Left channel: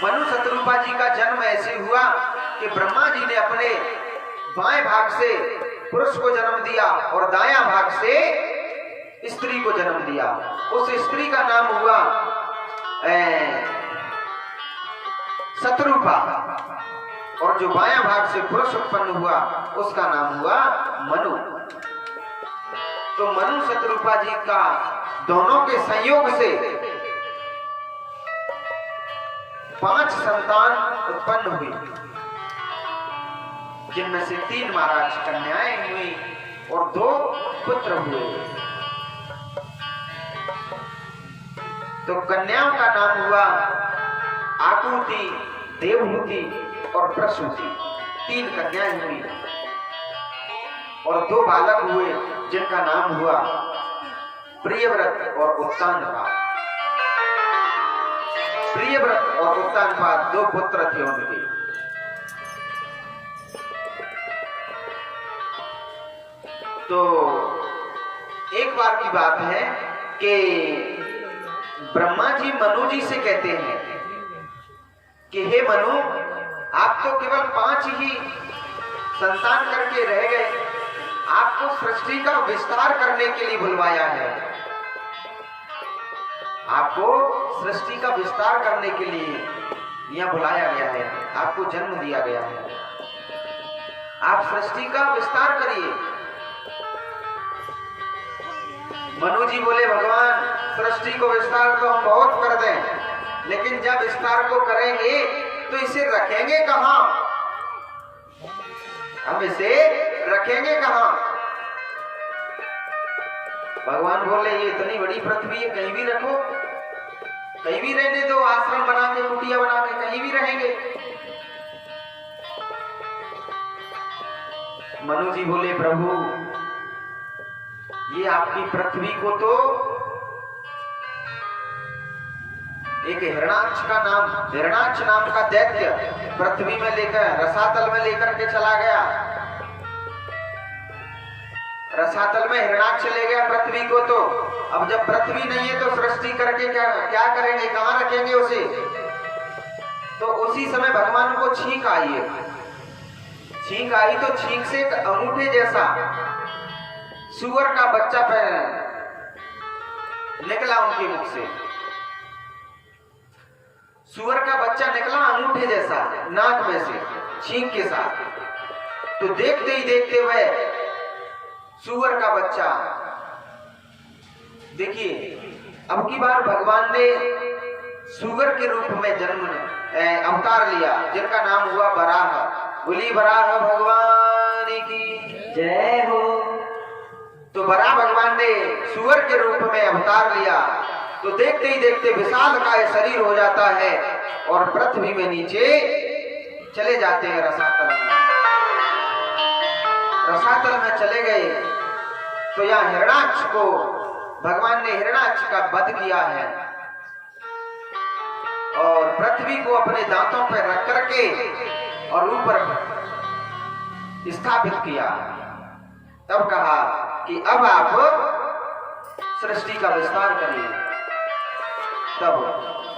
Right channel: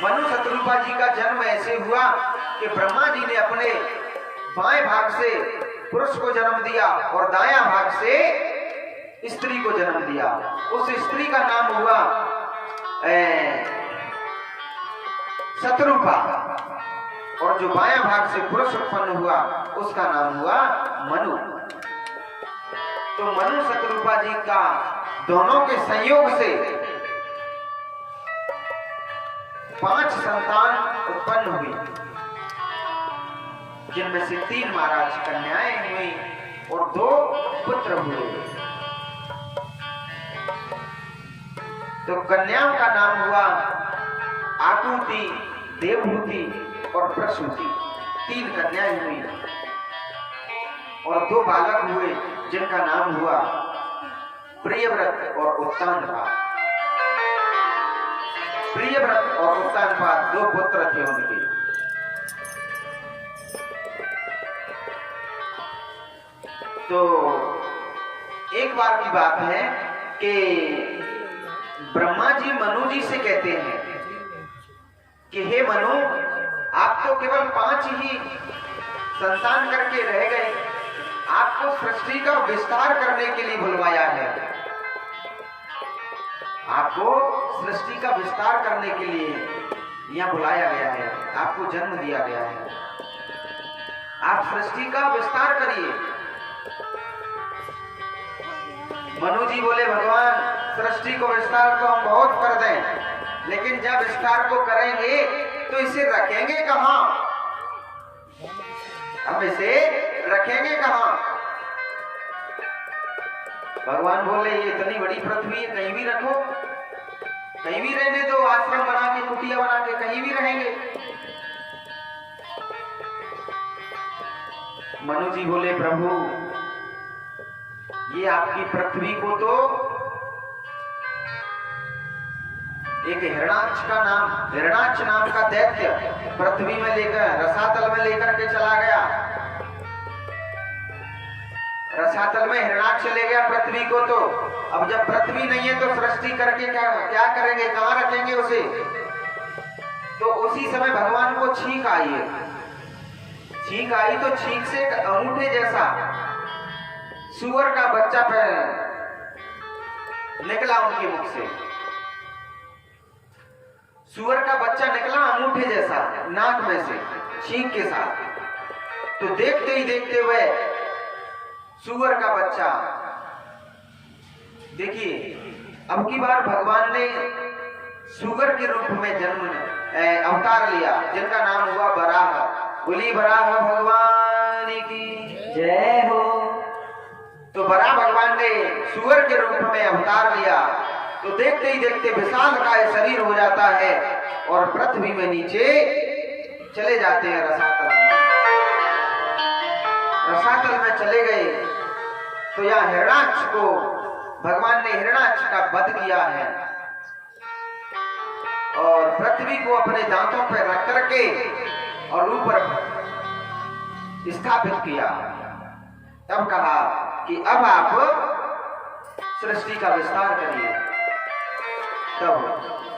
मनु शत्रुपा जी का जन्म ऐसे हुआ कि ब्रह्मा जी ने अपने बाएं भाग से पुरुष को जन्म दिया और दायां भाग से स्त्री को जन्म दिया। उस स्त्री का नाम हुआ शत्रुपा और जो बायां भाग से पुरुष उत्पन्न हुआ उसका नाम हुआ मनु। तो मनु शत्रुपा जी का दोनों के संयोग से 5 संतान उत्पन्न हुई, जिनमें से 3 महाराज कन्याएं हुई और 2 पुत्र हुए। तो कन्याओं का नाम हुआ आकुति, देवहूति और प्रसूति। 3 कन्याएं हुई और 2 बालक हुए, जिनका नाम हुआ प्रियव्रत और उत्तानपाद। प्रियव्रत और उत्तानपाद 2 पुत्र थे उनके। तो एक बार की बात है कि ब्रह्मा जी मनु जी से कहते हैं कि हे मनु, आप तो केवल 5 ही संतान करके रह गए, आपको सृष्टि का विस्तार करने के लिए बुलवाया है। आपको सृष्टि का विस्तार करने के लिए यहाँ बुलाया गया है, आपको जन्म दिया गया है, आप सृष्टि का विस्तार करिए। मनु जी बोले, भगवान सृष्टि को विस्तार तो हम बहुत कर दें, लेकिन जब विस्तार को करेंगे तो इसे रखेंगे कहां? हम इसे रखेंगे कहां? भगवान बोले, ये इतनी बड़ी पृथ्वी है, कहीं भी रखो, कहीं भी रहने दो, आश्रम बना के, कुटिया बना के कहीं भी रहेंगे। मनु जी बोले, प्रभु ये आपकी पृथ्वी को तो एक हिरणाक्ष नाम का दैत्य पृथ्वी में लेकर रसातल में लेकर के चला गया। रसातल में हिरणाक्ष ले गया पृथ्वी को। तो अब जब पृथ्वी नहीं है तो सृष्टि करके क्या करेंगे, कहां रखेंगे उसे? तो उसी समय भगवान को छींक आई। छींक आई तो छींक से अंगूठे जैसा सुअर का बच्चा निकला उनके मुख से। सुअर का बच्चा निकला अंगूठे जैसा नाक में से छींक के साथ। तो देखते ही देखते हुए सुअर का बच्चा, देखिए अब की बार भगवान ने सुअर के रूप में अवतार लिया, जिनका नाम हुआ बराह। बोली बराह भगवान की जय हो। तो बराह भगवान ने सुअर के रूप में अवतार लिया। तो देखते ही देखते विशालकाय शरीर हो जाता है और पृथ्वी में नीचे चले जाते हैं रसातल में। रसातल में चले गए तो यहाँ हिरणाक्ष को भगवान ने हिरणाक्ष का वध किया है और पृथ्वी को अपने दांतों पर रख करके और ऊपर स्थापित किया। तब कहा कि अब आप सृष्टि का विस्तार करिए। तब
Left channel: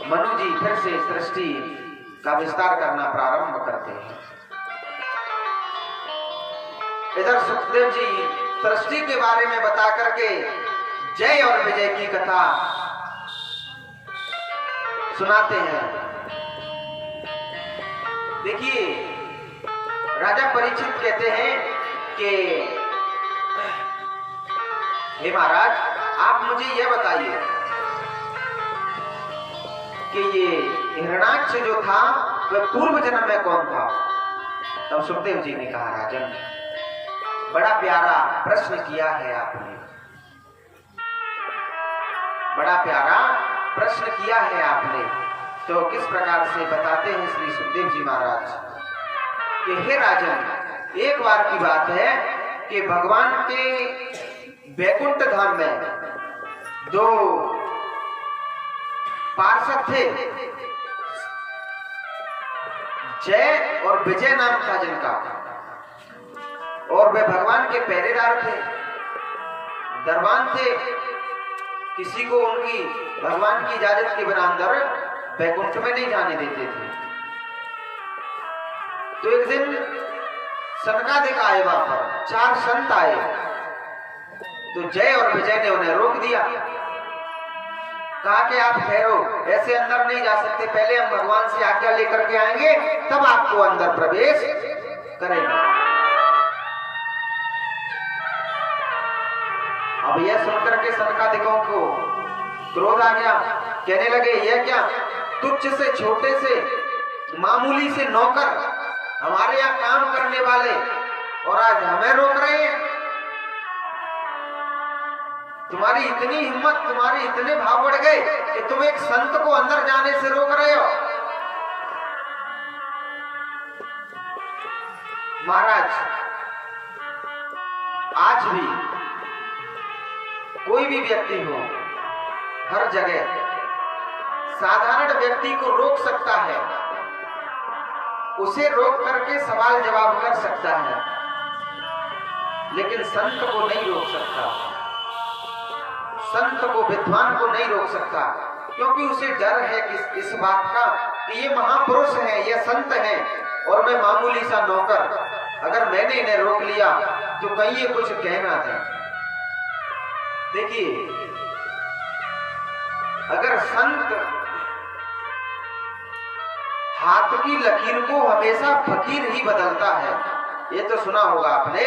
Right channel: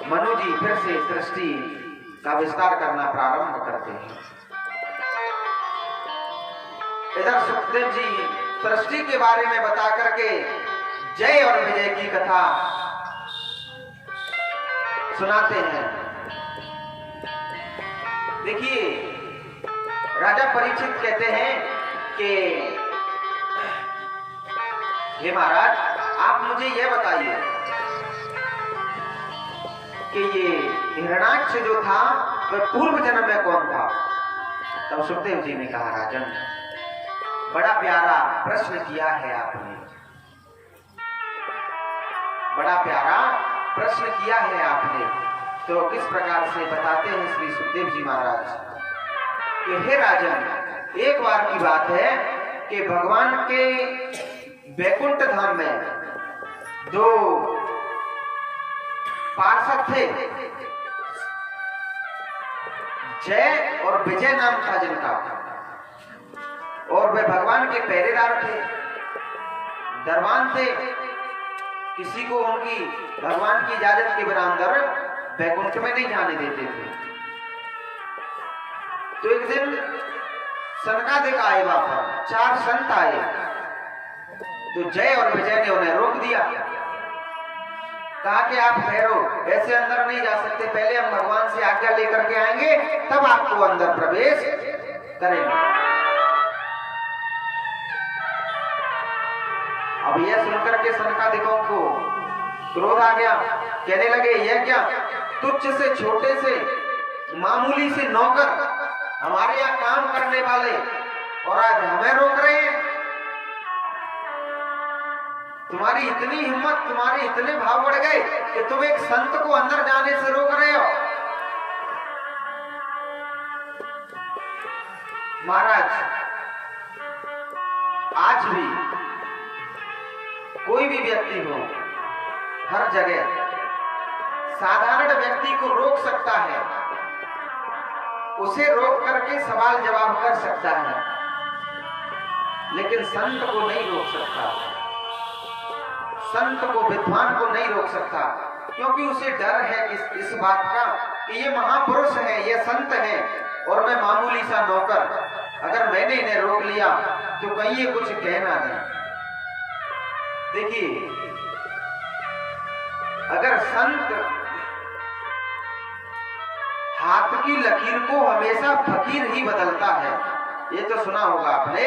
मनु जी फिर से सृष्टि का विस्तार करना प्रारंभ करते हैं। इधर सुखदेव जी सृष्टि के बारे में बता करके जय और विजय की कथा सुनाते हैं। देखिए राजा परीक्षित कहते हैं कि हे महाराज, आप मुझे यह बताइए कि ये हिरणाक्ष जो था वह पूर्व जन्म में कौन था? तब सुखदेव जी ने कहा, राजन बड़ा प्यारा प्रश्न किया है आपने, बड़ा प्यारा प्रश्न किया है आपने। तो किस प्रकार से बताते हैं श्री सुखदेव जी महाराज कि हे राजन, एक बार की बात है कि भगवान के वैकुंठ धाम में 2 पार्षद थे, जय और विजय नाम था जिनका, और वे भगवान के पहरेदार थे, दरबान थे। किसी को उनकी भगवान की इजाजत के बिना अंदर वैकुंठ में नहीं जाने देते थे। तो एक दिन सनकादिक आए, वहां पर 4 संत आए, तो जय और विजय ने उन्हें रोक दिया। कहा कि आप ठहरो, ऐसे अंदर नहीं जा सकते, पहले हम भगवान से आज्ञा लेकर के आएंगे, तब आपको अंदर प्रवेश करेंगे। अब यह सुनकर के सनकादिकों को क्रोध आ गया। कहने लगे, यह क्या तुच्छ से छोटे से मामूली से नौकर, हमारे यहाँ काम करने वाले, और आज हमें रोक रहे हैं। तुम्हारी इतनी हिम्मत, तुम्हारे इतने भाव बढ़ गए कि तुम एक संत को अंदर जाने से रोक रहे हो। महाराज, आज भी कोई भी व्यक्ति हो, हर जगह साधारण व्यक्ति को रोक सकता है, उसे रोक करके सवाल जवाब कर सकता है, लेकिन संत को नहीं रोक सकता। संत को, विद्वान को नहीं रोक सकता, क्योंकि उसे डर है इस बात का कि ये महापुरुष है, ये संत है, और मैं मामूली सा नौकर, अगर मैंने इन्हें रोक लिया तो कहीं ये कुछ कह ना दें। देखिए, अगर संत हाथ की लकीर को हमेशा फकीर ही बदलता है, ये तो सुना होगा आपने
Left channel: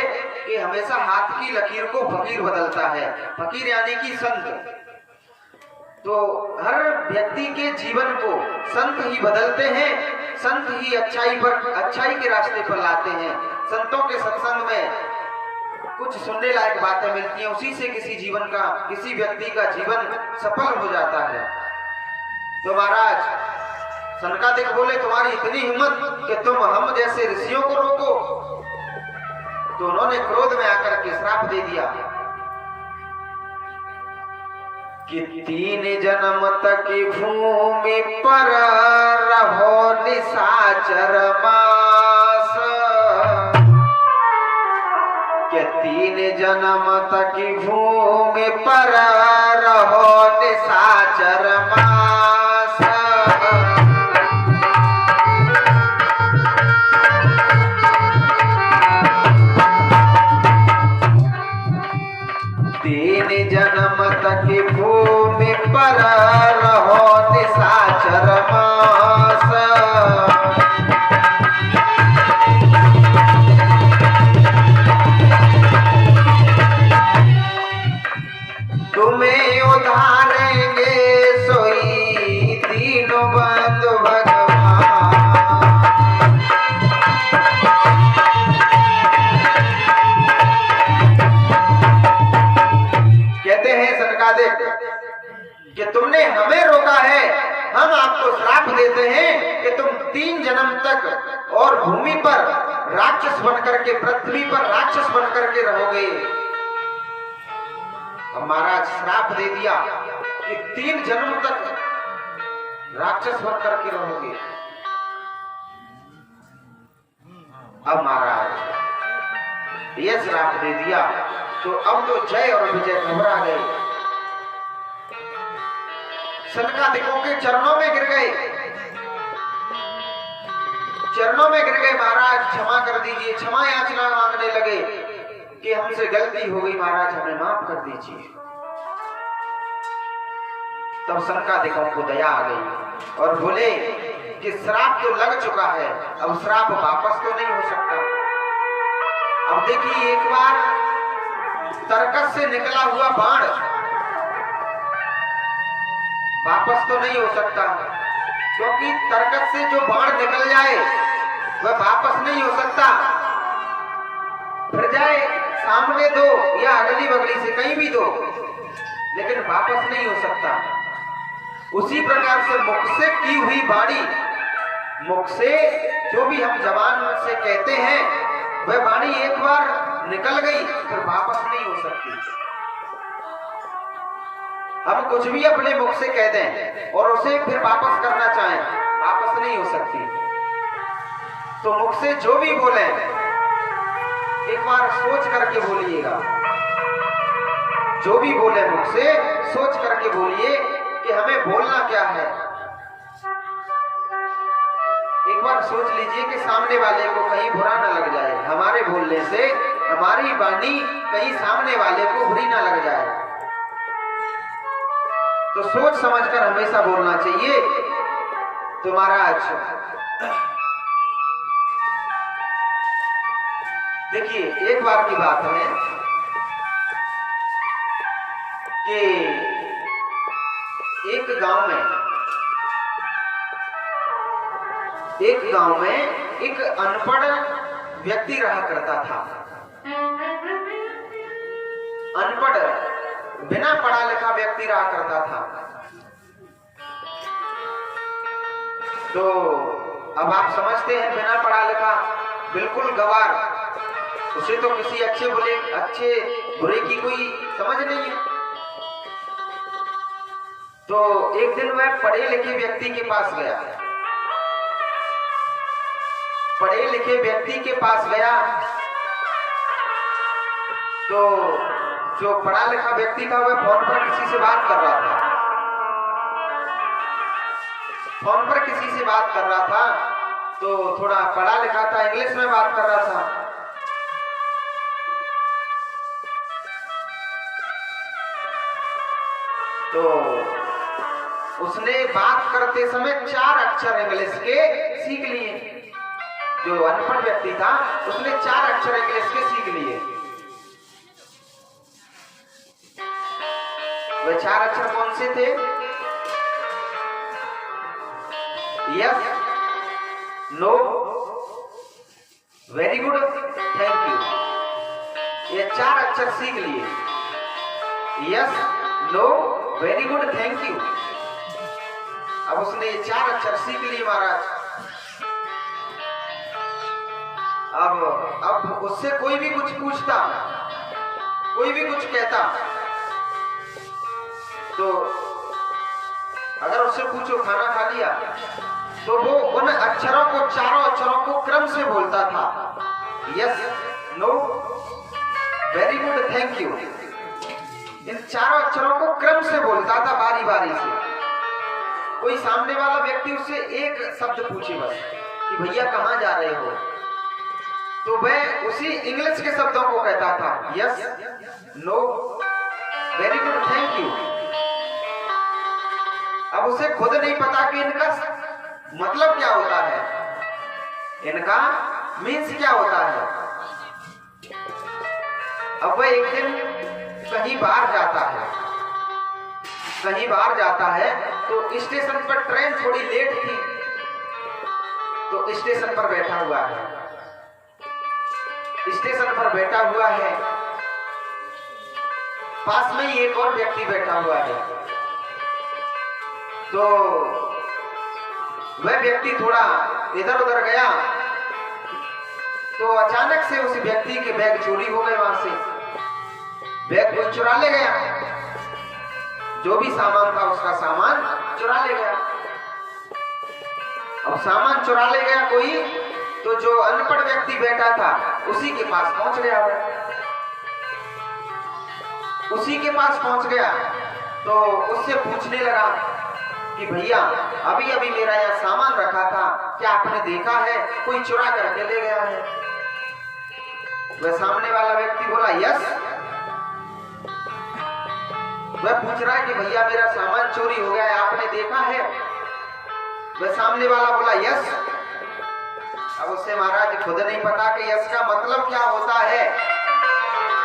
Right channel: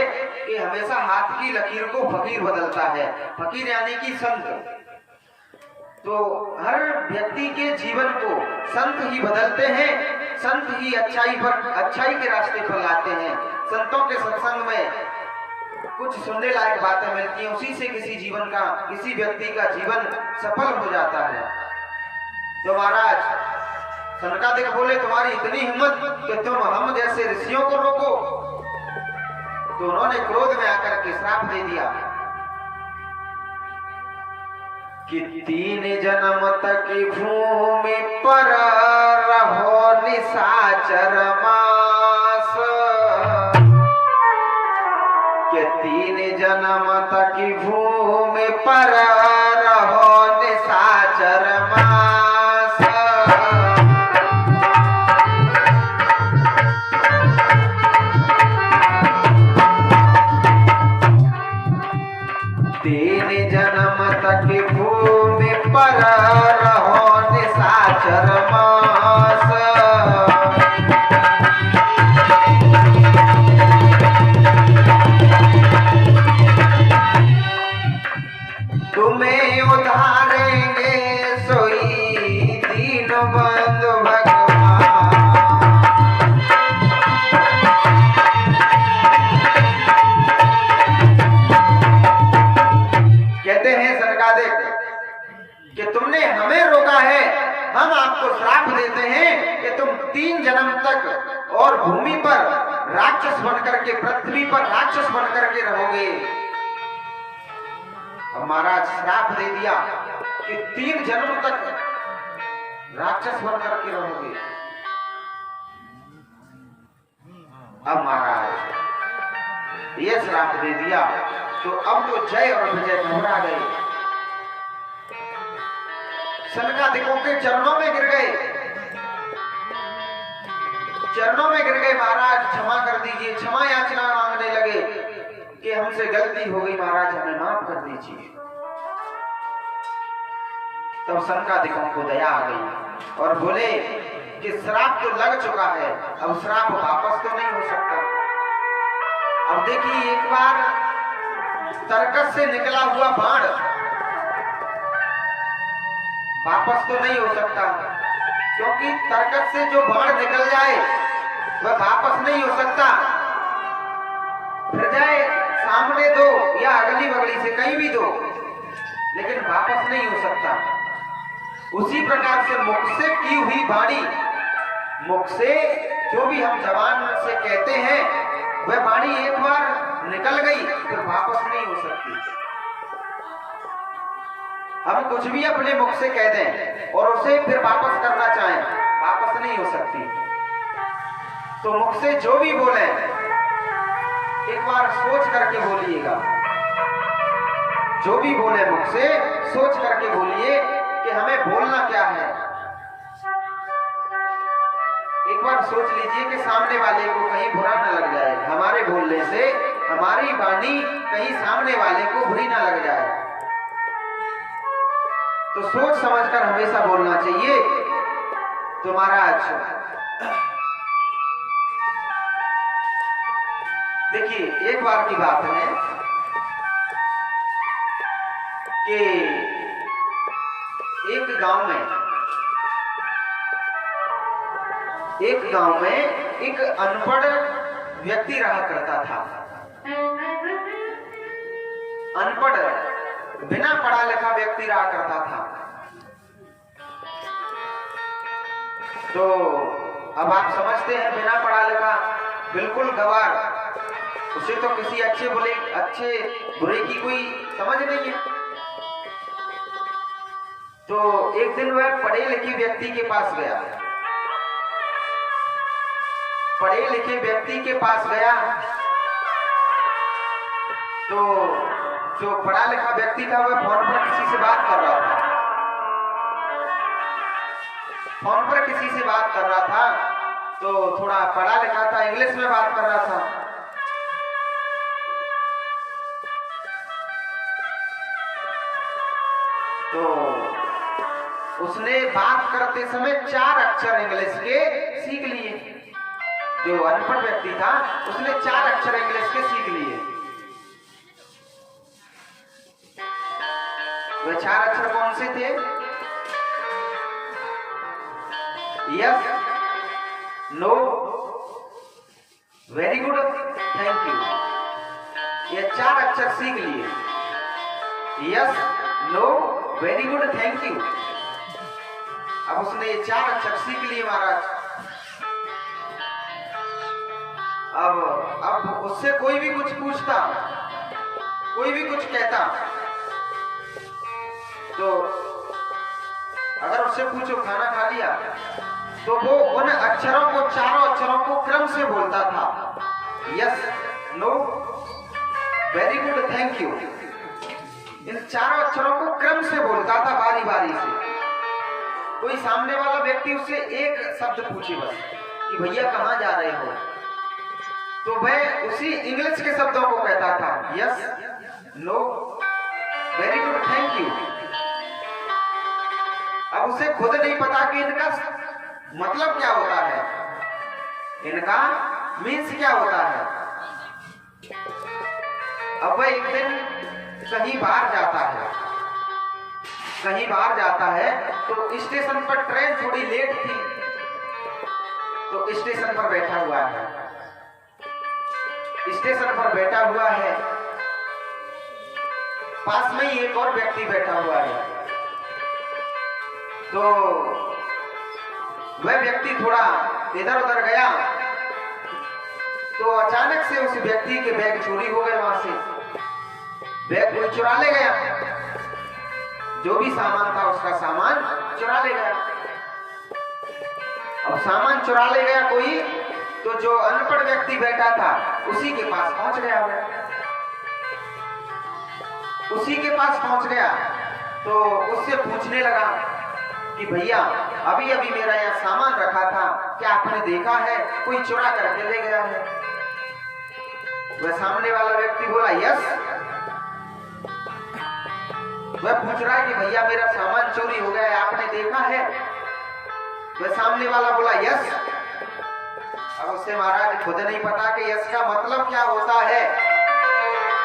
कि हमेशा हाथ की लकीर को फकीर बदलता है, फकीर यानी कि संत। तो हर व्यक्ति के जीवन को संत ही बदलते हैं, संत ही अच्छाई के रास्ते पर लाते हैं। संतों के सत्संग में कुछ सुनने लायक बातें मिलती हैं, उसी से किसी व्यक्ति का जीवन सफल हो जाता है। तो महाराज सनकादिक बोले, तुम्हारी इतनी हिम्मत कि तुम हम जैसे ऋषियों को रोको। तो उन्होंने क्रोध में आकर के श्राप दे दिया कि 3 जन्म तक भूमि पर रहो निशाचर मास, कि 3 जन्म तक भूमि पर रहो निशाचर मास। जन्म तक भूमि पर रहो निशाचर मास, तुम्हें उधारेंगे सोई दीनबंधु भगवान। कहते हैं सनकादिक कि तुमने हमें रोका है, हम आपको श्राप देते हैं कि तुम 3 जन्म तक और भूमि पर राक्षस बनकर के, पृथ्वी पर राक्षस बनकर के रहोगे। अब महाराज श्राप दे दिया कि 3 जन्म तक राक्षस बनकर के रहोगे। अब महाराज ये श्राप दे दिया, तो अब तो जय और विजय घबरा गए, सनकादिकों के चरणों में गिर गए, महाराज क्षमा कर दीजिए, क्षमा याचना मांगने लगे कि हमसे गलती हो गई महाराज, हमें माफ कर दीजिए। तब सनकादिकों को दया आ गई और बोले कि श्राप तो लग चुका है, अब श्राप वापस तो नहीं हो सकता। अब देखिए, एक बार तरकस से निकला हुआ बाण वापस तो नहीं हो सकता, क्योंकि तरकस से जो बाण निकल जाए वह वापस नहीं हो सकता। फिर जाए सामने दो या अगली बगली से कहीं भी दो, लेकिन वापस नहीं हो सकता। उसी प्रकार से मुख से की हुई वाणी, मुख से जो भी हम जबान से कहते हैं, वह वाणी एक बार निकल गई फिर वापस नहीं हो सकती। हम कुछ भी अपने मुख से कह दें और उसे फिर वापस करना चाहें, वापस नहीं हो सकती। तो मुख से जो भी बोले एक बार सोच करके बोलिएगा, जो भी बोले मुख से सोच करके बोलिए कि हमें बोलना क्या है। एक बार सोच लीजिए कि सामने वाले को कहीं बुरा ना लग जाए, हमारे बोलने से हमारी वाणी कहीं सामने वाले को बुरी ना लग जाए। तो सोच समझकर हमेशा बोलना चाहिए। तो महाराज देखिए, एक बार की बात है कि एक गांव में एक अनपढ़ व्यक्ति रहा करता था। अनपढ़, बिना पढ़ा लिखा व्यक्ति रहा करता था। तो अब आप समझते हैं, बिना पढ़ा लिखा, बिल्कुल गवार, उसे तो किसी अच्छे बुरे की कोई समझ नहीं है। तो एक दिन वह पढ़े लिखे व्यक्ति के पास गया। पढ़े लिखे व्यक्ति के पास गया तो जो पढ़ा लिखा व्यक्ति था वह फोन पर किसी से बात कर रहा था। फोन पर किसी से बात कर रहा था, तो थोड़ा पढ़ा लिखा था, इंग्लिश में बात कर रहा था। तो उसने बात करते समय 4 अक्षर इंग्लिश के सीख लिए। जो अनपढ़ व्यक्ति था उसने 4 अक्षर इंग्लिश के सीख लिए। वह 4 अक्षर कौन से थे? Yes, no, very good, thank you. ये 4 अक्षर सीख लिए। Yes, no, very good, thank you. अब उसने ये 4 अक्षर सीख लिए महाराज। अब उससे कोई भी कुछ पूछता, कोई भी कुछ कहता, तो अगर उससे पूछो खाना खा लिया, तो वो उन अक्षरों को, 4 अक्षरों को क्रम से बोलता था। Yes, no, very good, thank you. इन 4 अक्षरों को क्रम से बोलता था, बारी बारी से। कोई सामने वाला व्यक्ति उससे एक शब्द पूछे बस कि भैया कहाँ जा रहे हो, तो वह उसी इंग्लिश के शब्दों को कहता था। Yes, no, very good, thank you. अब उसे खुद नहीं पता कि इनका मतलब क्या होता है, इनका मीन्स क्या होता है। अब वह एक दिन कहीं बाहर जाता है, तो स्टेशन पर ट्रेन थोड़ी लेट थी, तो स्टेशन पर बैठा हुआ है। पास में ही एक और व्यक्ति बैठा हुआ है। तो वह व्यक्ति थोड़ा इधर उधर गया, तो अचानक से उस व्यक्ति के बैग चोरी हो गए। वहां से बैग कोई चुरा ले गया, जो भी सामान था उसका सामान चुरा ले गया। अब सामान चुरा ले गया कोई, तो जो अनपढ़ व्यक्ति बैठा था उसी के पास पहुंच गया। उसी के पास पहुंच गया तो उससे पूछने लगा कि भैया अभी अभी मेरा यहाँ सामान रखा था, क्या आपने देखा है कोई चुरा करके ले गया है? वह सामने वाला व्यक्ति बोला यस। वह पूछ रहा है कि भैया मेरा सामान चोरी हो गया है, आपने देखा है? वह सामने वाला बोला यस। अब उससे महाराज खुद नहीं पता कि यस का मतलब क्या होता है,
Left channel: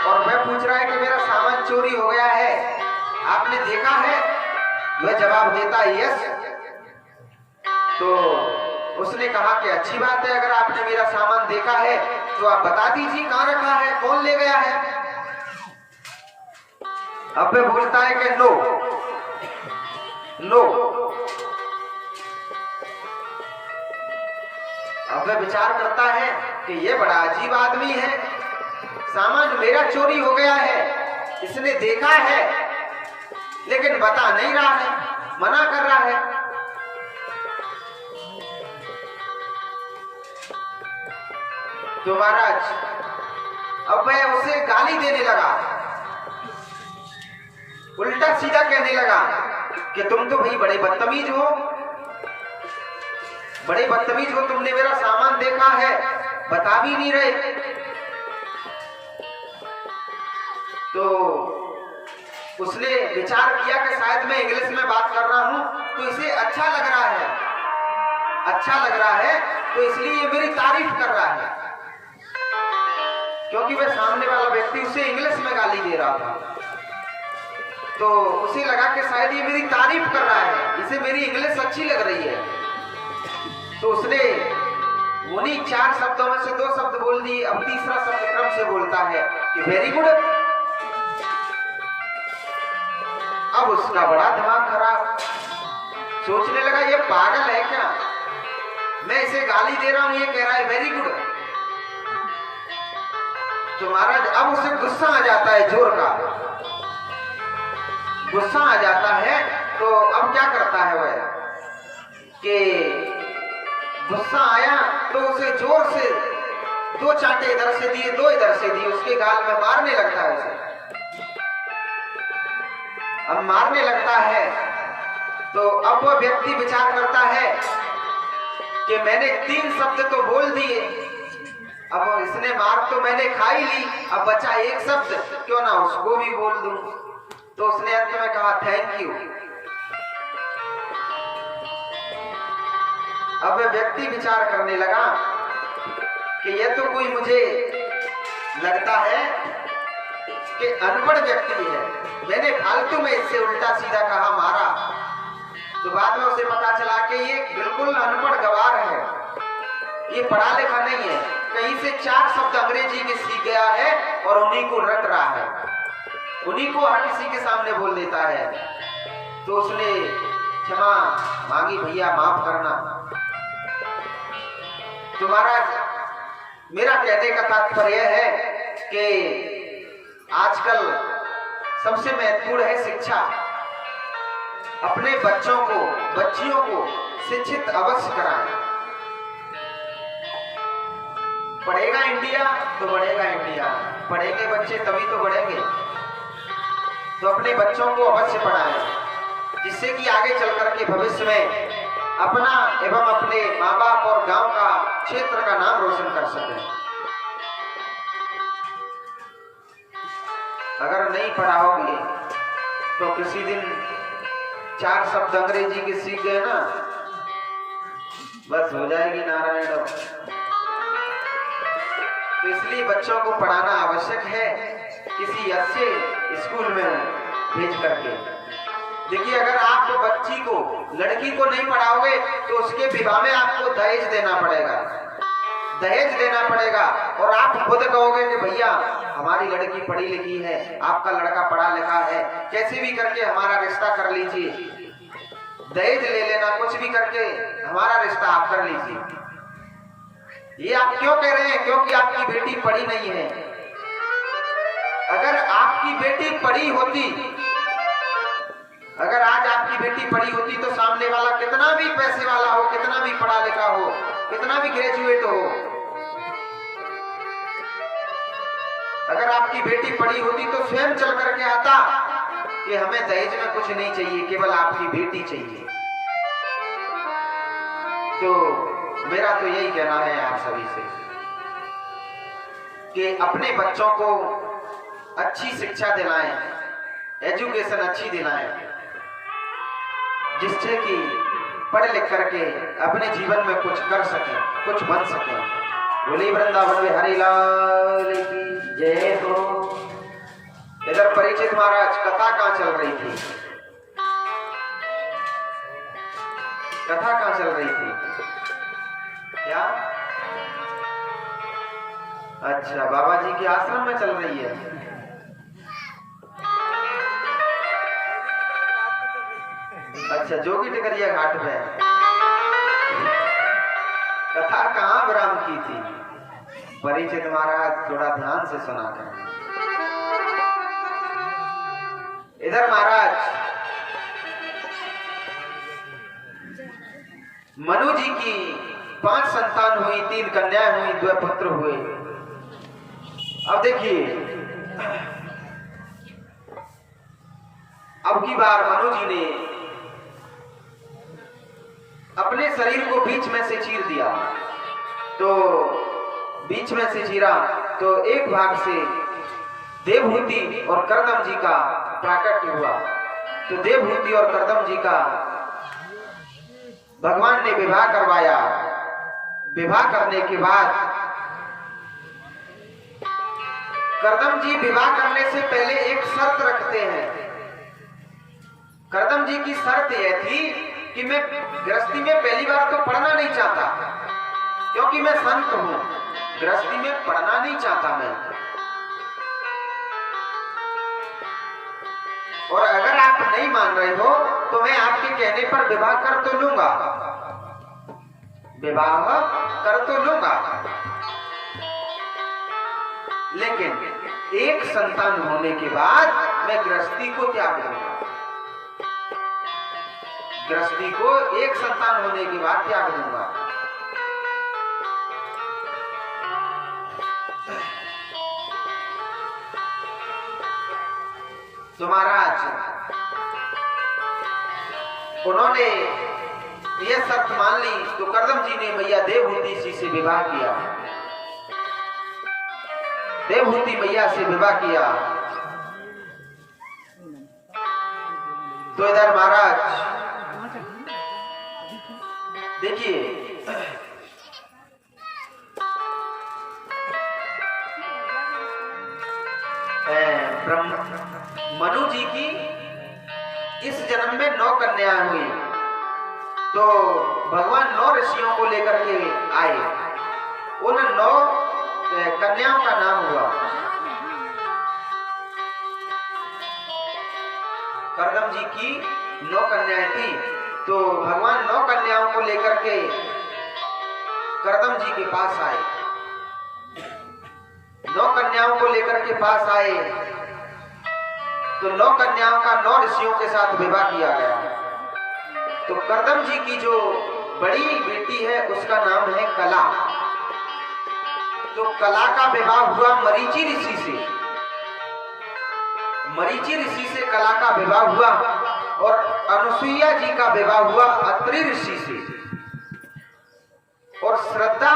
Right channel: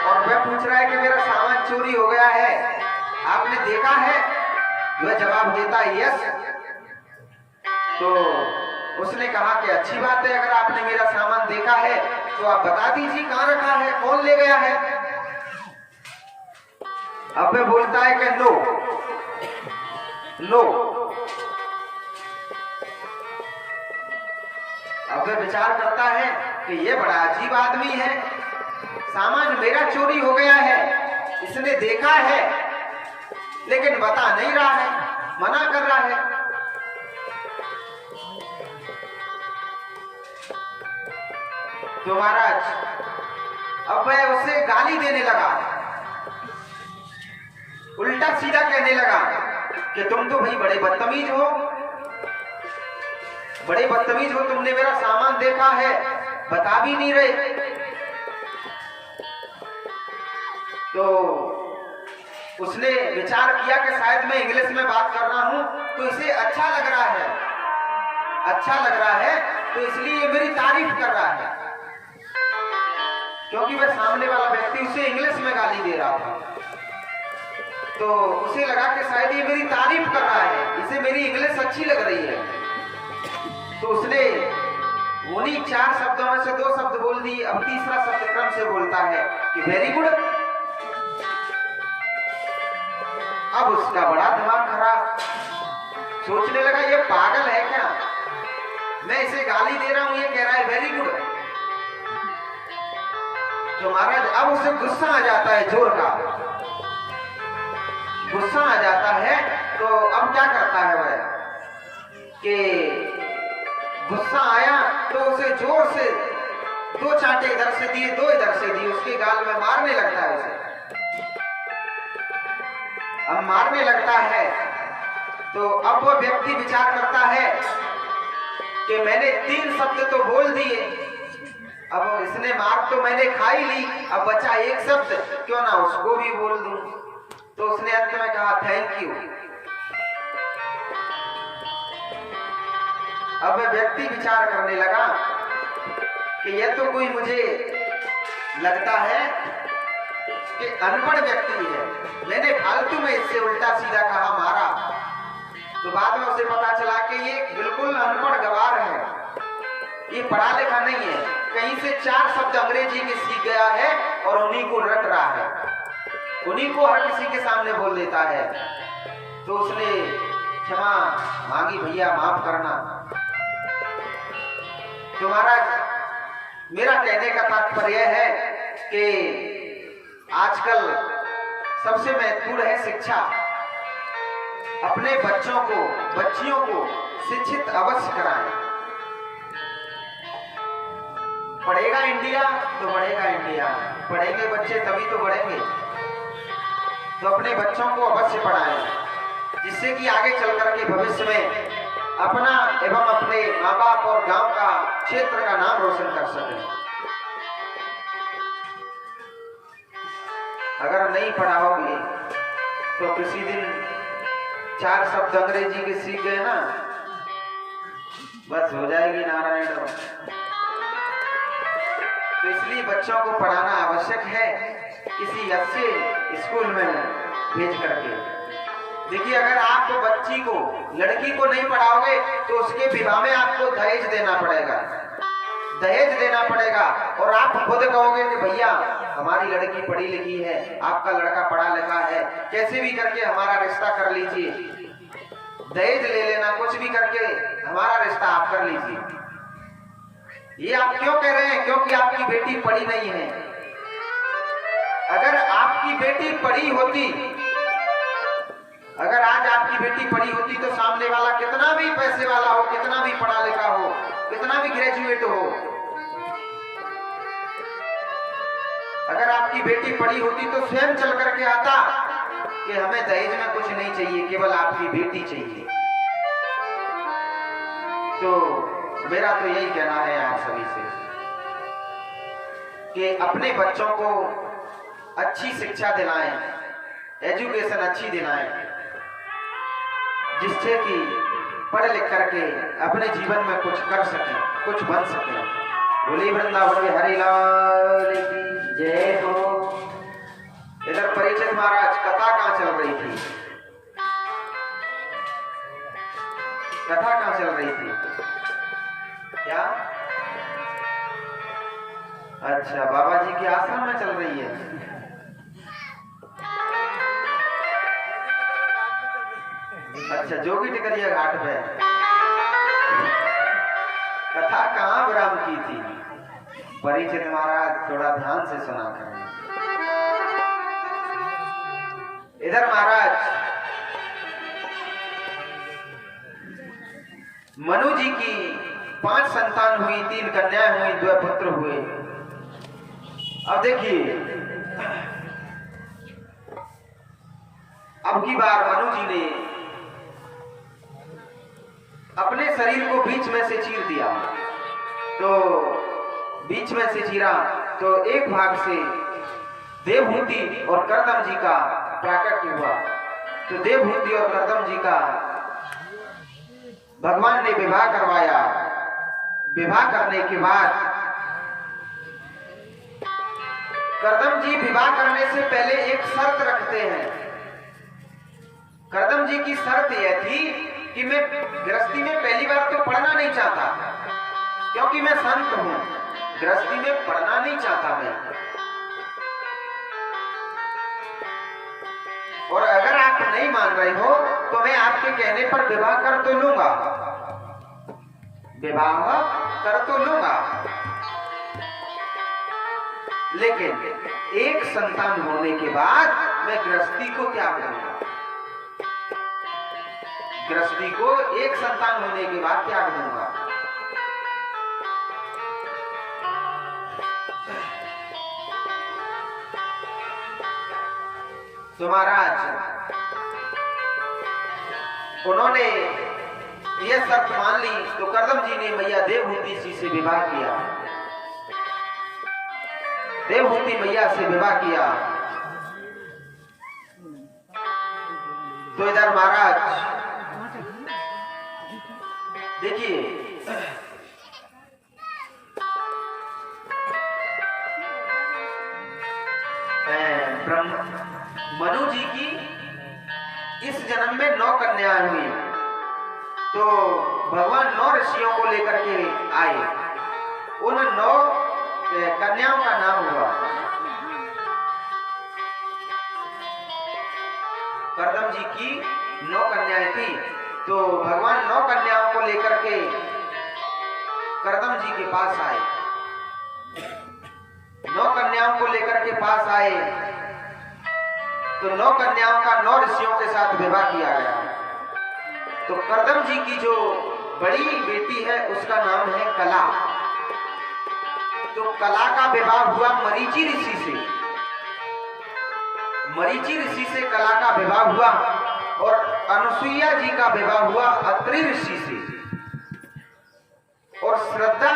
और वह पूछ रहा है कि मेरा सामान चोरी हो गया है, आपने देखा है? वह जवाब देता है यस। तो उसने कहा कि अच्छी बात है, अगर आपने मेरा सामान देखा है तो आप बता दीजिए कहाँ रखा है, कौन ले गया है? अब वह बोलता है कि नो नो। अब वह विचार करता है कि यह बड़ा अजीब आदमी है, सामान मेरा चोरी हो गया है, इसने देखा है लेकिन बता नहीं रहा है, मना कर रहा है। तो महाराज अब वह उसे गाली देने लगा, उल्टा सीधा कहने लगा कि तुम तो भाई बड़े बदतमीज हो, बड़े बदतमीज हो, तुमने मेरा सामान देखा है, बता भी नहीं रहे। तो उसने विचार किया कि शायद मैं इंग्लिश में बात कर रहा हूं तो इसे अच्छा लग रहा है, अच्छा लग रहा है, तो इसलिए ये मेरी तारीफ कर रहा है, क्योंकि वह सामने वाला व्यक्ति उसे इंग्लिश में गाली दे रहा था। तो उसे लगा कि शायद ये मेरी तारीफ कर रहा है, इसे मेरी इंग्लिश अच्छी लग रही है। तो उसने उन्हीं 4 शब्दों में से 2 शब्द बोल दिए। अब तीसरा शब्द क्रम से बोलता है कि वेरी गुड। अब उसका बड़ा दिमाग खराब, सोचने लगा ये पागल है क्या, मैं इसे गाली दे रहा हूं, ये कह रहा है वेरी गुड। तो महाराज अब उसे गुस्सा आ जाता है, जोर का गुस्सा आ जाता है। तो अब क्या करता है वह कि गुस्सा आया तो उसे जोर से 2 चांटे इधर से दिए, 2 इधर से दिए, उसके गाल में मारने लगता है उसे। अब मारने लगता है तो अब वो व्यक्ति विचार करता है कि मैंने 3 शब्द तो बोल दिए, अब इसने मार तो मैंने खा ही ली, अब बचा 1 शब्द, क्यों ना उसको भी बोल दूं। तो उसने अंत में कहा थैंक यू। अब वह व्यक्ति विचार करने लगा कि यह तो कोई मुझे लगता है कि अनपढ़ व्यक्ति है, मैंने फालतू में इससे उल्टा सीधा कहा, मारा। तो बाद में उसे पता चला कि ये बिल्कुल अनपढ़ गवार है, ये पढ़ा लिखा नहीं है, कहीं से 4 शब्द अंग्रेजी के सीख गया है और उन्हीं को रट रहा है, उन्हीं को हर किसी के सामने बोल देता है। तो उसने क्षमा मांगी, भैया माफ करना। तो महाराज मेरा कहने का तात्पर्य है कि आजकल सबसे महत्वपूर्ण है शिक्षा। अपने बच्चों को, बच्चियों को शिक्षित अवश्य कराएं। पढ़ेगा इंडिया तो बढ़ेगा इंडिया, पढ़ेंगे बच्चे तभी तो बढ़ेंगे। तो अपने बच्चों को अवश्य पढ़ाएं, जिससे कि आगे चल करके भविष्य में अपना एवं अपने माँ बाप और गांव का, क्षेत्र का नाम रोशन कर सकें। अगर नहीं पढ़ाओगे तो किसी दिन 4 शब्द अंग्रेजी के सीख गए ना, बस हो जाएगी नारायण। तो इसलिए बच्चों को पढ़ाना आवश्यक है, किसी अच्छे स्कूल में भेज करके। देखिए अगर आप बच्ची को, लड़की को नहीं पढ़ाओगे तो उसके विवाह में आपको दहेज देना पड़ेगा, दहेज देना पड़ेगा। और आप खुद कहोगे कि भैया हमारी लड़की पढ़ी लिखी है, आपका लड़का पढ़ा लिखा है, कैसे भी करके हमारा रिश्ता कर लीजिए, दहेज ले लेना, कुछ भी करके हमारा रिश्ता आप कर लीजिए। ये आप क्यों कह रहे हैं? क्योंकि आपकी बेटी पढ़ी नहीं है। अगर आपकी बेटी पढ़ी होती, अगर आज आपकी बेटी पढ़ी होती तो सामने वाला कितना भी पैसे वाला हो, कितना भी पढ़ा लिखा हो, कितना भी ग्रेजुएट हो, अगर आपकी बेटी पढ़ी होती तो स्वयं चल करके आता कि हमें दहेज में कुछ नहीं चाहिए, केवल आपकी बेटी चाहिए। तो मेरा तो यही कहना है आप सभी से कि अपने बच्चों को अच्छी शिक्षा दिलाएं, एजुकेशन अच्छी दिलाएं, जिससे कि पढ़ लिख करके अपने जीवन में कुछ कर सकें, कुछ बन सकें। बोले वृंदावन बिहारी लाल की जय। तो इधर परिचित महाराज कथा कहाँ चल रही थी? कथा कहाँ चल रही थी? क्या? अच्छा, बाबा जी के आश्रम में चल रही है। अच्छा, जोगी टिकरिया घाट पे कथा कहाँ विराम की थी? परिचित महाराज थोड़ा ध्यान से सुना करें। इधर महाराज मनु जी की 5 संतान हुई, 3 कन्याएं हुई, 2 पुत्र हुए। अब देखिए, अब की बार मनु जी ने अपने शरीर को बीच में से चीर दिया। तो बीच में से चीरा तो एक भाग से देवहूति और करदम जी का प्राकट्य हुआ। तो देवहूति और करदम जी का भगवान ने विवाह करवाया। विवाह करने के बाद करदम जी विवाह करने से पहले एक शर्त रखते हैं। करदम जी की शर्त यह थी कि मैं गृहस्थी में पहली बार तो पढ़ना नहीं चाहता, क्योंकि मैं संत हूं। गृहस्थी में पढ़ना नहीं चाहता मैं, और अगर आप नहीं मान रहे हो तो मैं आपके कहने पर विवाह कर तो लूंगा, विवाह कर तो लूंगा, लेकिन एक संतान होने के बाद मैं गृहस्थी को त्याग दूंगा। गृहस्थी को एक संतान होने के बाद त्याग दूंगा। तो महाराज उन्होंने यह शर्त मान ली। तो करदम जी ने मैया देवहूति जी से विवाह किया। देवहूति मैया से विवाह किया। तो इधर महाराज देखिए, मनु जी की इस जन्म में 9 कन्याएं हुई। तो भगवान 9 ऋषियों को लेकर के आए। उन 9 कन्याओं का नाम हुआ करदम जी की 9 कन्याएं थी। तो भगवान 9 कन्याओं को लेकर के करदम जी के पास आए। 9 कन्याओं को लेकर के पास आए। तो 9 कन्याओं का 9 ऋषियों के साथ विवाह किया गया। तो करदम जी की जो बड़ी बेटी है उसका नाम है कला। तो कला का विवाह हुआ मरीचि ऋषि से। मरीचि ऋषि से कला का विवाह हुआ। और अनुसुईया जी का विवाह हुआ अत्रि ऋषि से। और श्रद्धा,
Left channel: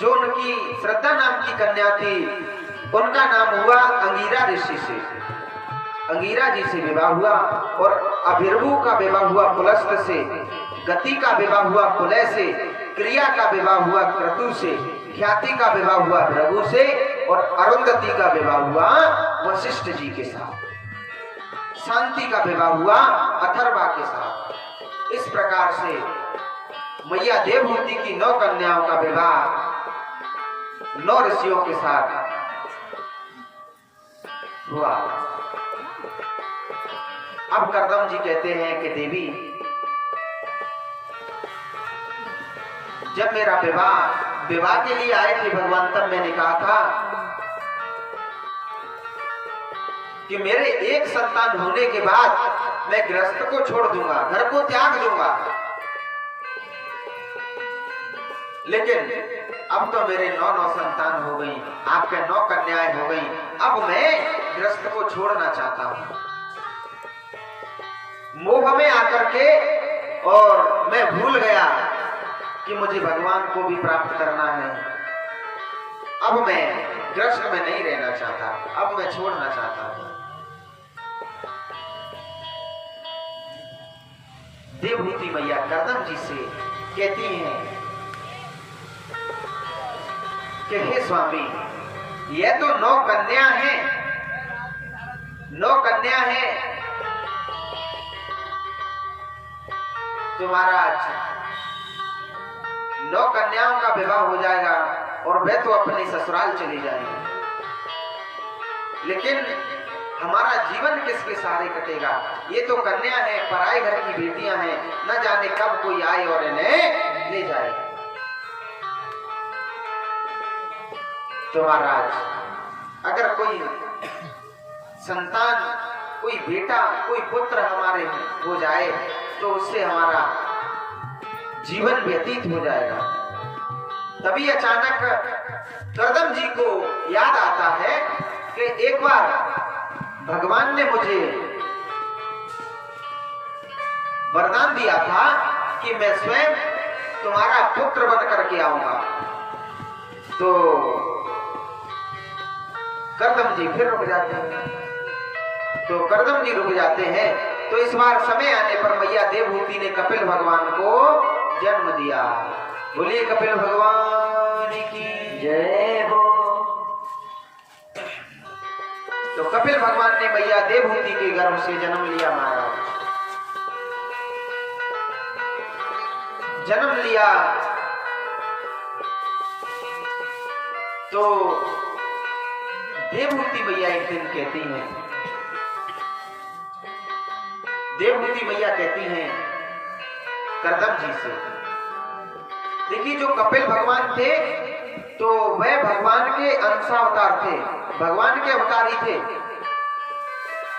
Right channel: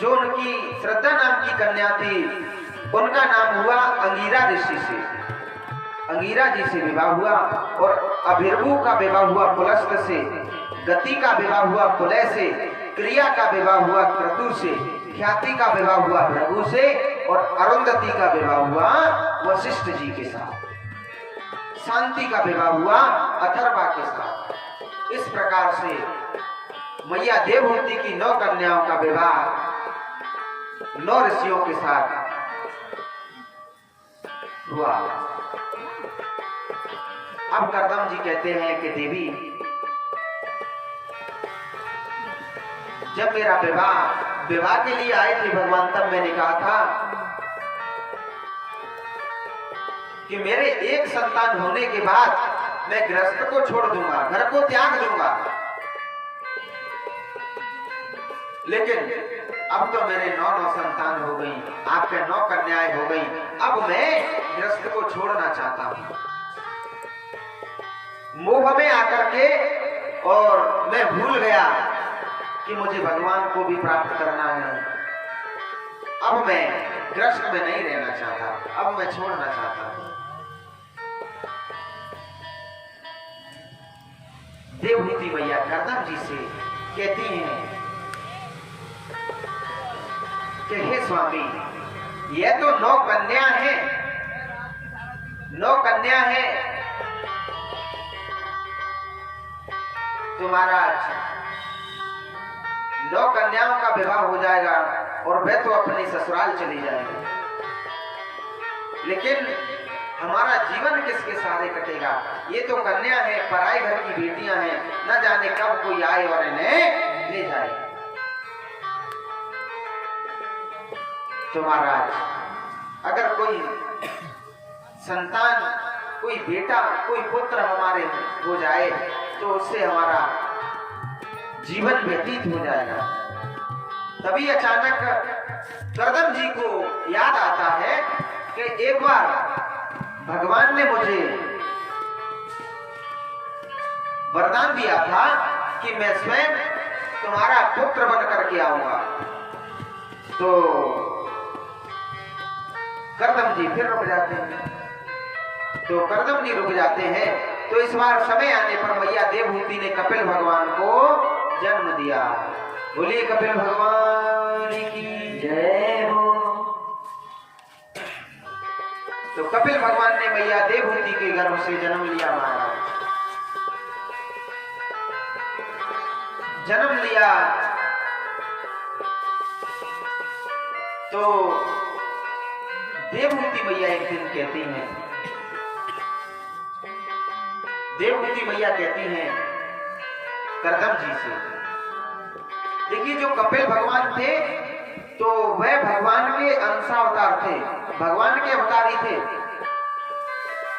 जो उनकी श्रद्धा नाम की कन्या थी, उनका नाम हुआ अंगिरा ऋषि से। अंगिरा जी से विवाह हुआ। और अभिर्भु का विवाह हुआ पुलस्त से। गति का विवाह हुआ पुलय से। क्रिया का विवाह हुआ क्रतु से। ख्याति का विवाह हुआ भृगु से। और अरुंधति का विवाह हुआ वशिष्ठ जी के साथ। शांति का विवाह हुआ अथर्वा के साथ। इस प्रकार से मैया देवहूति की 9 कन्याओं का विवाह 9 ऋषियों के साथ हुआ। अब करदम जी कहते हैं कि देवी, जब मेरा विवाह के लिए आए थे भगवान, तब मैंने कहा था कि मेरे एक संतान होने के बाद मैं गृहस्थ को छोड़ दूंगा, घर को त्याग दूंगा। लेकिन अब तो मेरे 9 संतान हो गई, आपके 9 कन्याएं हो गई। अब मैं गृहस्थ को छोड़ना चाहता हूं। मोह में आकर के और मैं भूल गया कि मुझे भगवान को भी प्राप्त करना है। अब मैं गृहस्थ में नहीं रहना चाहता, अब मैं छोड़ना चाहता हूं। देवहूति मैया करदम जी से कहती हैं कि हे स्वामी, यह तो 9 कन्या हैं, 9 कन्या हैं। तो महाराज 9 कन्याओं का विवाह हो जाएगा और वे तो अपने ससुराल चली जाएंगे, लेकिन हमारा जीवन किसके सहारे कटेगा? ये तो कन्या है, पराए घर की बेटियां हैं, न जाने कब कोई आए और इन्हें ले जाए। तो महाराज, अगर कोई संतान, कोई बेटा, कोई पुत्र हमारे हो जाए तो उससे हमारा जीवन व्यतीत हो जाएगा। तभी अचानक करदम जी को याद आता है कि एक बार भगवान ने मुझे वरदान दिया था कि मैं स्वयं तुम्हारा पुत्र बन करके आऊंगा। तो करदम जी फिर रुक जाते हैं। तो करदम जी रुक जाते हैं। तो इस बार समय आने पर मैया देवहूति ने कपिल भगवान को जन्म दिया। बोलिए कपिल भगवान की जय हो। तो कपिल भगवान ने मैया देवहूति के गर्भ से जन्म लिया। महाराज जन्म लिया तो देवहूति मैया एक दिन कहती हैं, देवहूति मैया कहती हैं करदम जी से, देखिए जो कपिल भगवान थे तो वह भगवान के अंशावतार थे, भगवान के अवतार ही थे।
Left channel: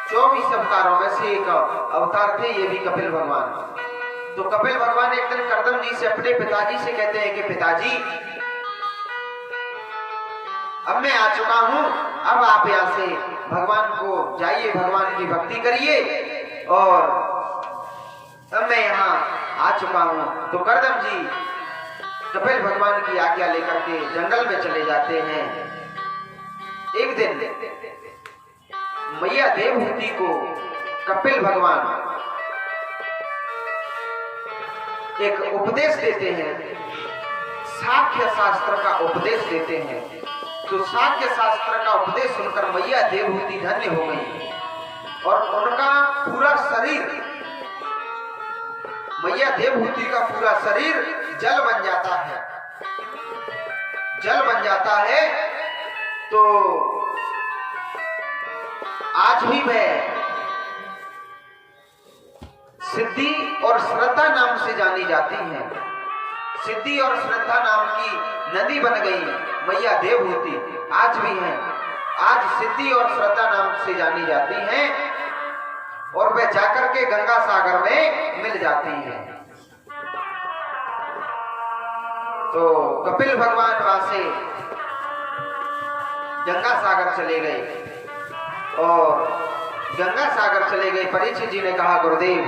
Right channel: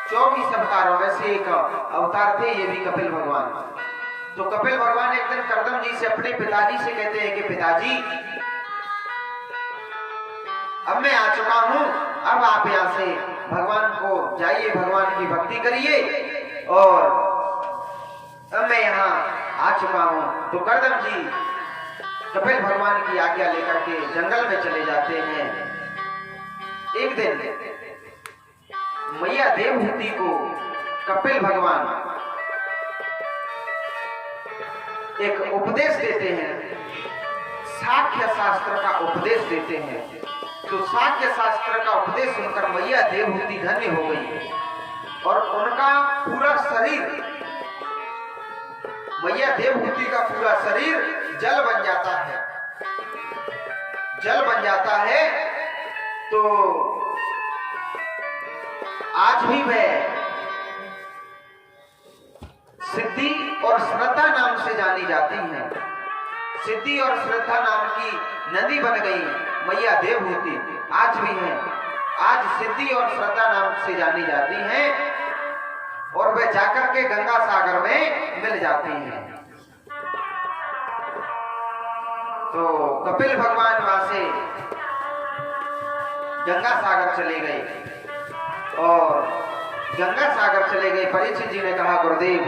24 अवतारों में से एक अवतार थे ये भी कपिल भगवान। तो कपिल भगवान एक दिन करदम जी से अपने पिताजी से कहते हैं कि पिताजी अब मैं आ चुका हूं, अब आप यहाँ से भगवान को जाइए, भगवान की भक्ति करिए, और अब मैं यहाँ आ चुका हूं। तो करदम जी कपिल भगवान की आज्ञा लेकर के जंगल में चले जाते हैं। एक दिन मैया देवहूति को कपिल भगवान एक उपदेश देते हैं, साख्य शास्त्र का उपदेश देते हैं। तो साख्य शास्त्र का उपदेश सुनकर मैया देवहूति धन्य हो गई और उनका पूरा शरीर, मैया देवहूति का पूरा शरीर जल बन जाता है। जल बन जाता है तो आज भी वह सिद्धि और श्रद्धा नाम से जानी जाती हैं। सिद्धि और श्रद्धा नाम की नदी बन गई मैया देवहूति, आज भी हैं। आज सिद्धि और श्रद्धा नाम से जानी जाती हैं और वह जाकर के गंगा सागर में मिल जाती हैं। तो कपिल भगवान वहां से गंगा सागर चले गए और गंगा सागर चले गए। परीक्षित जी ने कहा गुरुदेव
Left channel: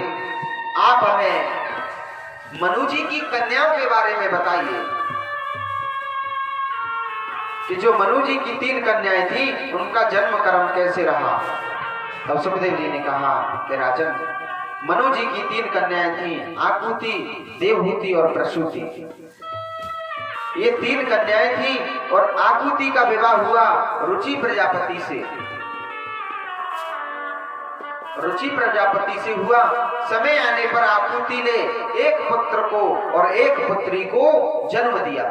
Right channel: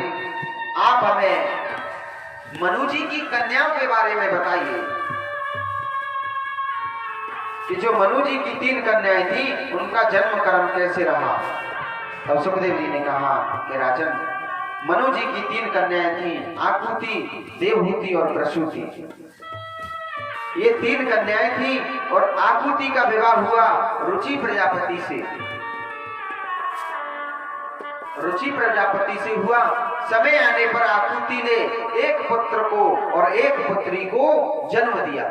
आप हमें मनु जी की कन्याओं के बारे में बताइए कि जो मनु जी की 3 कन्याएं थी उनका जन्म कर्म कैसे रहा। और सुखदेव जी ने कहा कि राजन मनु जी की 3 कन्याएं थी, आकुति, देवहूति और प्रसूति। ये 3 कन्याएं थी और आकुति का विवाह हुआ रुचि प्रजापति से, रुचि प्रजापति से हुआ। समय आने पर आकुति ने एक पुत्र को और एक पुत्री को जन्म दिया।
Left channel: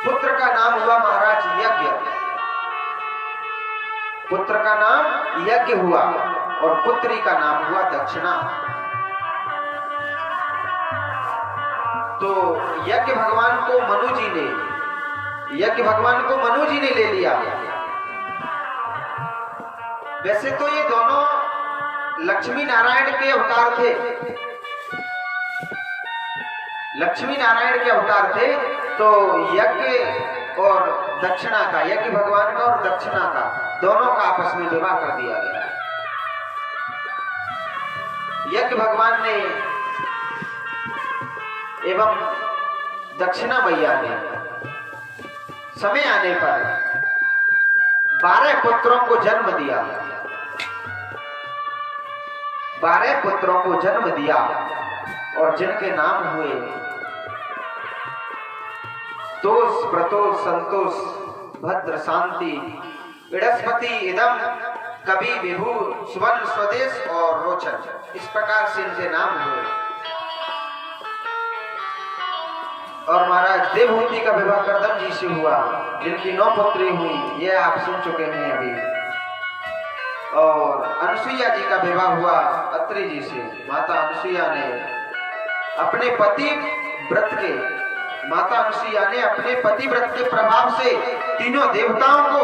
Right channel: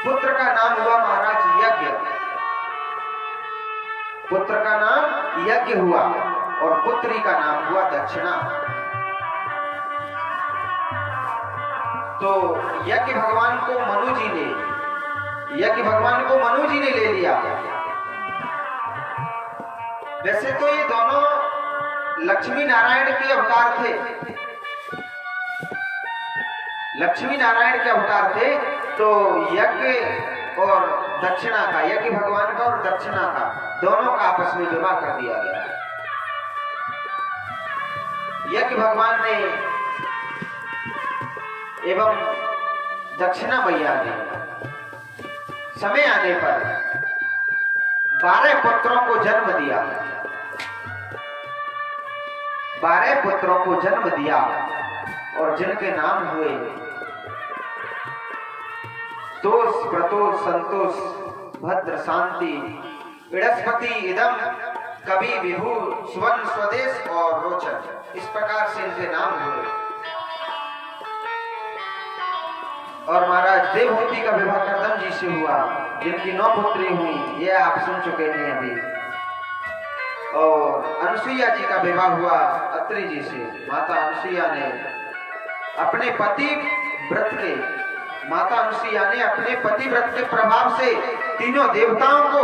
पुत्र का नाम हुआ महाराज यज्ञ, पुत्र का नाम यज्ञ हुआ और पुत्री का नाम हुआ दक्षिणा। तो यज्ञ भगवान को मनु जी ने, यज्ञ भगवान को मनु जी ने ले लिया। वैसे तो ये दोनों लक्ष्मी नारायण के अवतार थे, लक्ष्मी नारायण के अवतार थे। तो यज्ञ और दक्षिणा का, यज्ञ भगवान का और दक्षिणा का, दोनों का आपस में विवाह कर दिया गया। यज्ञ भगवान ने एवं दक्षिणा मैया ने समय आने पर 12 पुत्रों को जन्म दिया, 12 पुत्रों को जन्म दिया और जिनके नाम हुए तोष, प्रतोष, संतोष, भद्र, शांति, बृहस्पति, इदम, कवि, विभु, सुवर्ण, स्वदेश और रोचन। इस प्रकार से इनके नाम हुए। और महाराज देवहूति का विवाह करदम जी से हुआ, जिनकी 9 पुत्री हुई, ये आप सुन चुके हैं अभी। और अनुसुईया जी का विवाह हुआ अत्रि जी से। माता अनुसुईया ने अपने पति व्रत के, माता अनुसुईया ने अपने पति व्रत के प्रभाव से तीनों देवताओं को,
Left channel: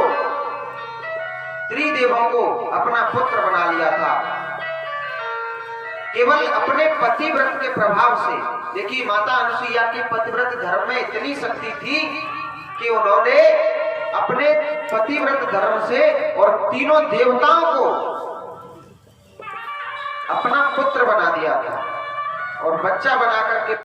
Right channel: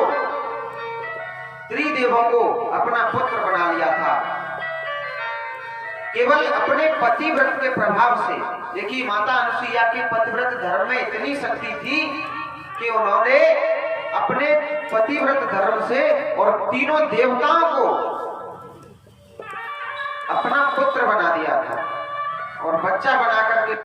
त्रिदेवों को अपना पुत्र बना लिया था। केवल अपने पतिव्रत के प्रभाव से। देखिए माता अनुसुईया के पतिव्रत धर्म में इतनी शक्ति थी कि उन्होंने अपने पतिव्रत धर्म से और तीनों देवताओं को अपना पुत्र बना दिया था और बच्चा बना करके